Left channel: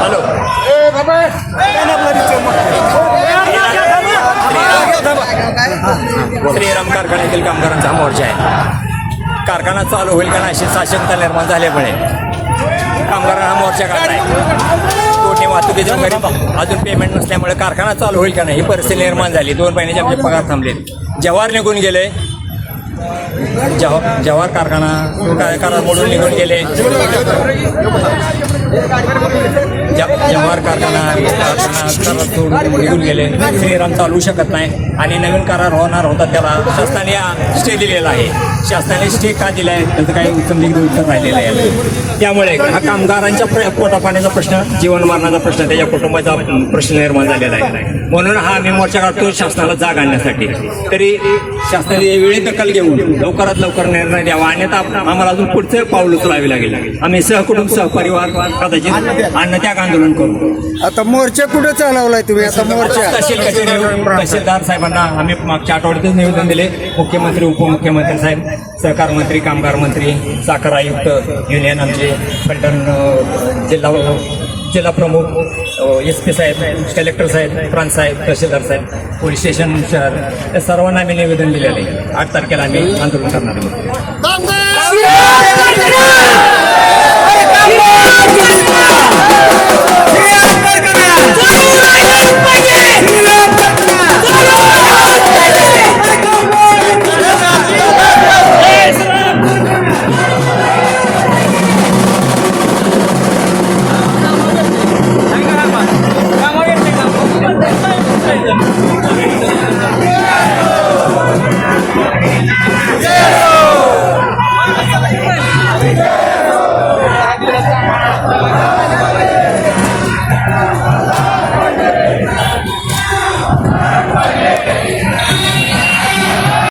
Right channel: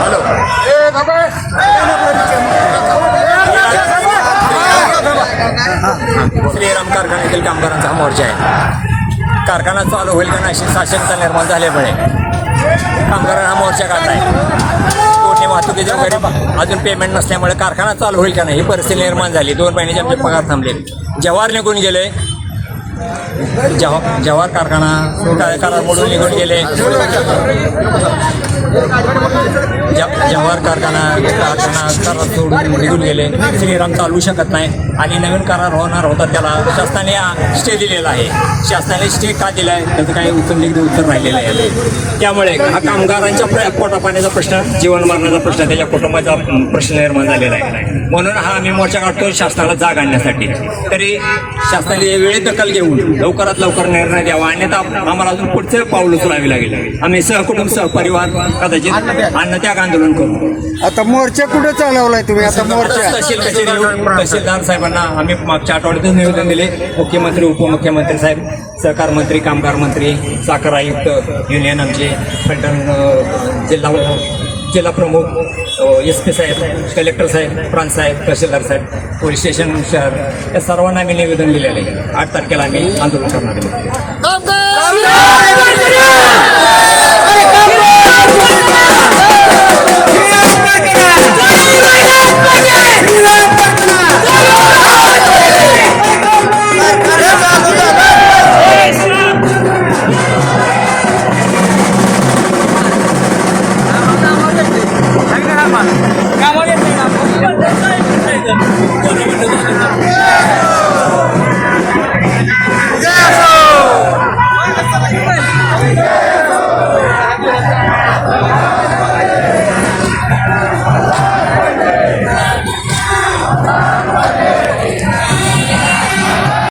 Hello Shriram कारखान्यातील कामगारांचा हा मोर्चा आहे. कारखाना चालू होईल का नाही अशी साशंकता निर्माण झाल्यामुळे कामगारांना हा मोर्चा काढला आहे. तोडणी वाहतुकीचे वगैरे अजून पेमेंट नसल्यामुळे कारखाना चालू होईल का नाही ही परिस्थिती निर्माण झाली. 2 महिन्याचे आमचे पगार थांबले. जव्हार निघून गेले. जव्हार कारखाना मोडून निघून गेले. जव्हार कारखाना करार सोडून निघून गेले. श्रीराम चालू शकत नाही आणि नवीन करार होणार होता त्याला शासनाने स्टे दिलेला आहे. शासनाने स्टे का दिला आहे त्याचं काही उत्तर राहिलेलं आहे. त्यामुळे हा कामगारांच्या पोटापाण्याचा प्रश्न, जीवन मरणाचा प्रश्न, त्याच्या कुटुंबाचा प्रश्न निर्माण झालेला आहे. म्हणून हा आम्ही मोर्चा काढतो शासनाला जाग आणण्यासाठी. तरी शासनाने वेळेत दखल घेऊन लवकरात लवकर निर्णय द्यावा, अन्यथा आम्हाला अजून पुढचं पाऊल उचलावे लागेल. आम्ही सहकुटुंब सहपरिवार कदाचित अन्नत्याग आंदोलन करू. आता मोर्चा कुठे चालवलाय तुम्ही? आता मोर्चा तहसील कचेरी तहसीलदार साहेबांना आम्ही मागच्या आठवड्यातच निवेदन दिले. मुख्यमंत्री, उपमुख्यमंत्री साहेब, सहकार मंत्री, कामगार मंत्री, साखर आयुक्त, युनियन आमचे पलटण जिल्हा प्रमुख, SP साहेब, कलेक्टर साहेब, प्रांत साहेब, तहसीलदार साहेब, पोलीस स्टेशन शहर या सर्वांना आम्ही निवेदन दिलेलं आहे. 8 तारखेला आम्ही आंदोलन करणार आहे.